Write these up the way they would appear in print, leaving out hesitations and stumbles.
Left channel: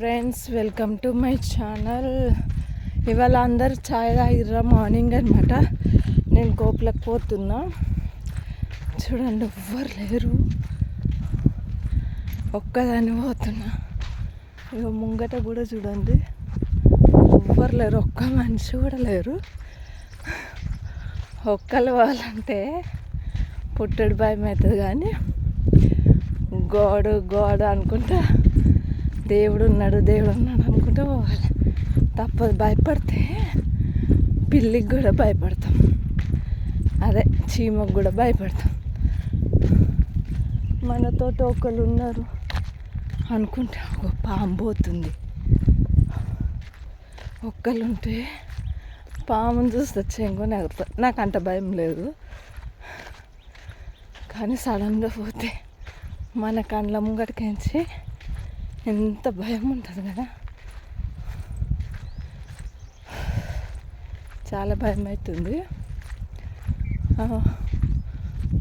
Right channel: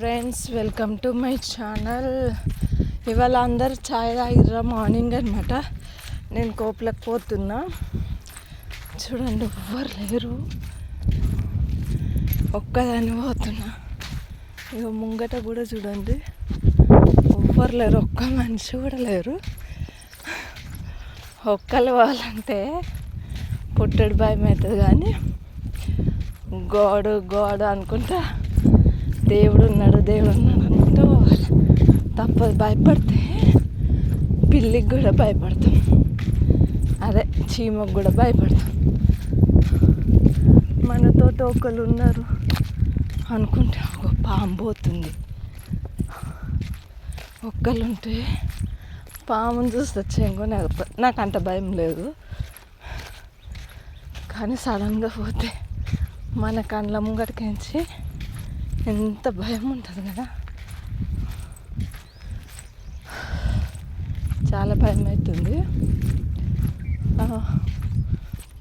Friends, welcome to my channel. ఇవాళ అందరు ఛాయ్ తాగిర్రా morning అనమాట. నేను కోపులకు పోతున్నా. చూడండి, ఎవ్వరు లేరు, ఒక్కదాన్ని పోతున్నా. ఇక ముంగట కూడా చూడండి, ఎవ్వరు లేరు, ఒక్క మనిషి కూడా లేరు. ఒక్కళ్ళు పోవాలంటే పుట్టడు భయం అవుతుంది, కానీ గోడు అనుకుంటా దేవుడు ఉన్నాడు అనుకుంటూ పోవాలి. తప్పదు, భయపడితే పిల్లికి కూడా భయపడతాం, అదే చీమకు కూడా భయపడతాం. మనతో ఒకళ్ళు ఉన్నారు అనుకుంటే ఒక పాము పోతుంది. ఒక్కళ్ళు ఉంటే పాముని చూస్తే చెంగుని ఎగురుతా. నాకు అంత భయం లేదు, కానీ సడన్గా పోతే మన కండ్ల ముంగటికించి ఎంత భయం ఉంటుంది కదా. చాలా భయం అవుతుంది.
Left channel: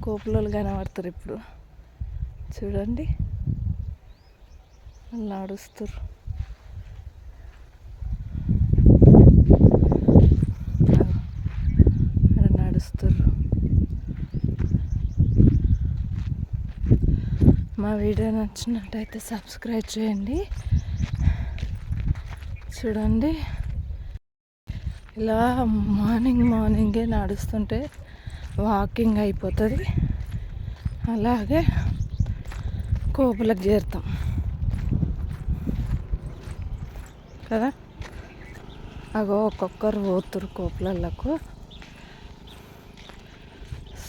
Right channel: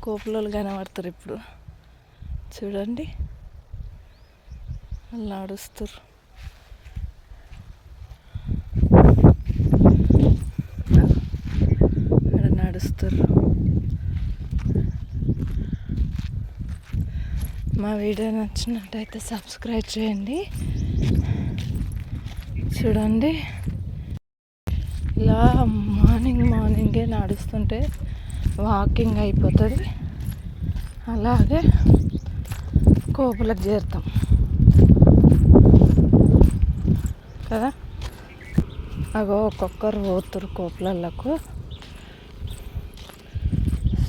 కోపులోళ్ళు కనబడతారు ఇప్పుడు. చూడండి, వాళ్ళు నడుస్తారు. అక్కడ నడుస్తారు. మా వీడియో నచ్చినట్టయితే సబ్స్క్రైబ్ చేయండి. చూడండి, ఇలా మార్నింగే నడుస్తుంటే వాకింగ్ అయిపోతుంది. అలాగే కోపులకు చేరుతాం కదా. అగో ఒక్కొక్కరు పోతురు కోపులకు.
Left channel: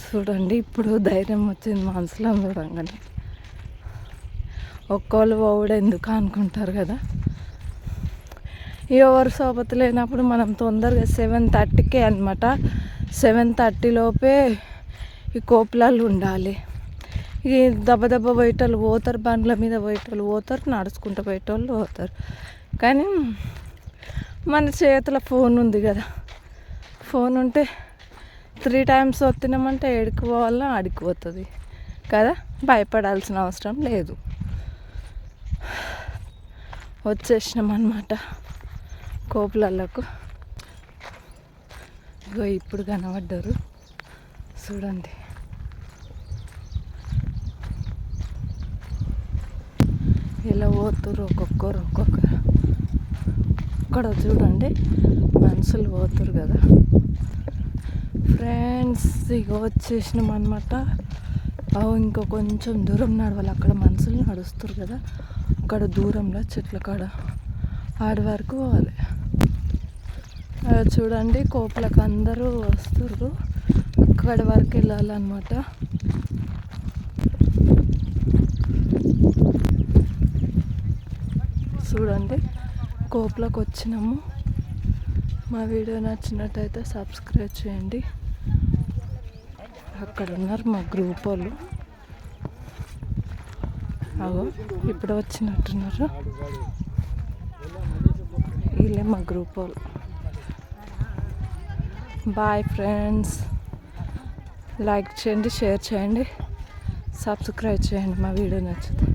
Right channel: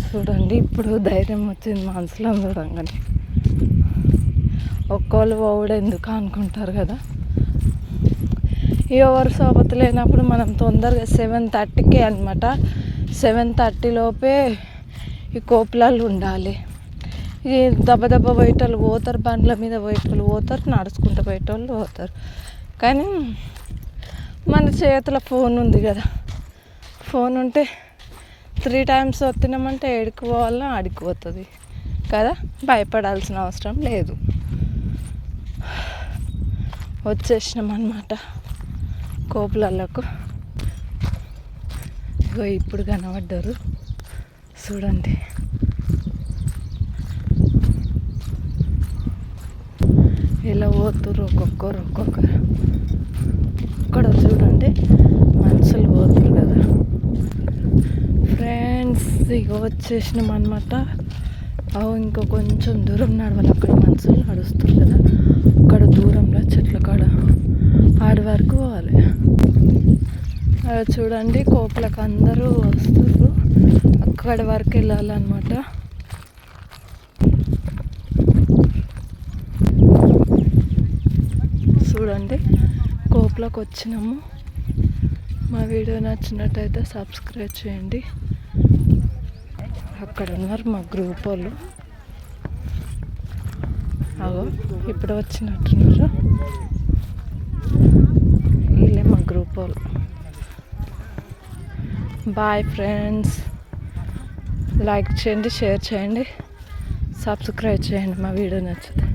చూడండి, ఇప్పుడు ధైర్యం వచ్చింది మనసులో చూడంగానే. ఒక్కళ్ళు పోవుడు ఎందుకు అనుకుంటారు కదా. ఎవరు సోపతి లేనప్పుడు మనం తొందరగా 7:30కే అనమాట, 7:30 లోపే ఈ కోపులాలు ఉండాలి. ఈ దెబ్బ పోయేటోళ్ళు పోతారు, బండ్ల మీద పోయేటోళ్ళు పోతారు, నడుచుకుంటూ పోయేటోళ్ళు పోతారు. కానీ మన చేతిలో ఫోన్ ఉంది కదా. ఫోన్ ఉంటే 3 times వస్తున్నామంటే ఏడికి పోవాలన్నా ఆడికి పోతుంది కదా. భయపడాల్సిన అవసరం లేదు. వచ్చేసినాం అన్నమాట కోపులకు. ఇగో ఇప్పుడు కనబడ్డారు, చూడండి. ఇలా పోతురు ఒక్కొక్కరు. ఇక్కడ చూడండి, మనుషులు పోతురు కదా. ఫ్రెండ్స్, ఇక వచ్చేసినాం అన్నమాట. ఇంకో కొంచెం దూరం నడవాలి. అక్కడ మనుషులు నడుస్తారు కదా, అక్కడ దూరంలో చెట్ల కాడ ఆడి వరకు పోవాలి. చూడండి, కోపులకు అందరూ వస్తారు, అక్కడి వరకు వెళ్ళాలన్నమాట. చూడండి, కోపులకు వచ్చినాము. మా వీడియో నచ్చినట్టయితే సబ్స్క్రైబ్ చేయండి. అక్కడ ఉన్నారు మా గ్రూప్ వాళ్ళు. అగో ఇప్పుడు వచ్చినట్టున్నారు, వీళ్ళే మా గ్రూప్ వాళ్ళు. బాయ్ ఫ్రెండ్స్, లైక్ చేయండి, షేర్ చేయండి, సబ్స్క్రైబ్ చేయండి మా వీడియో నచ్చితే.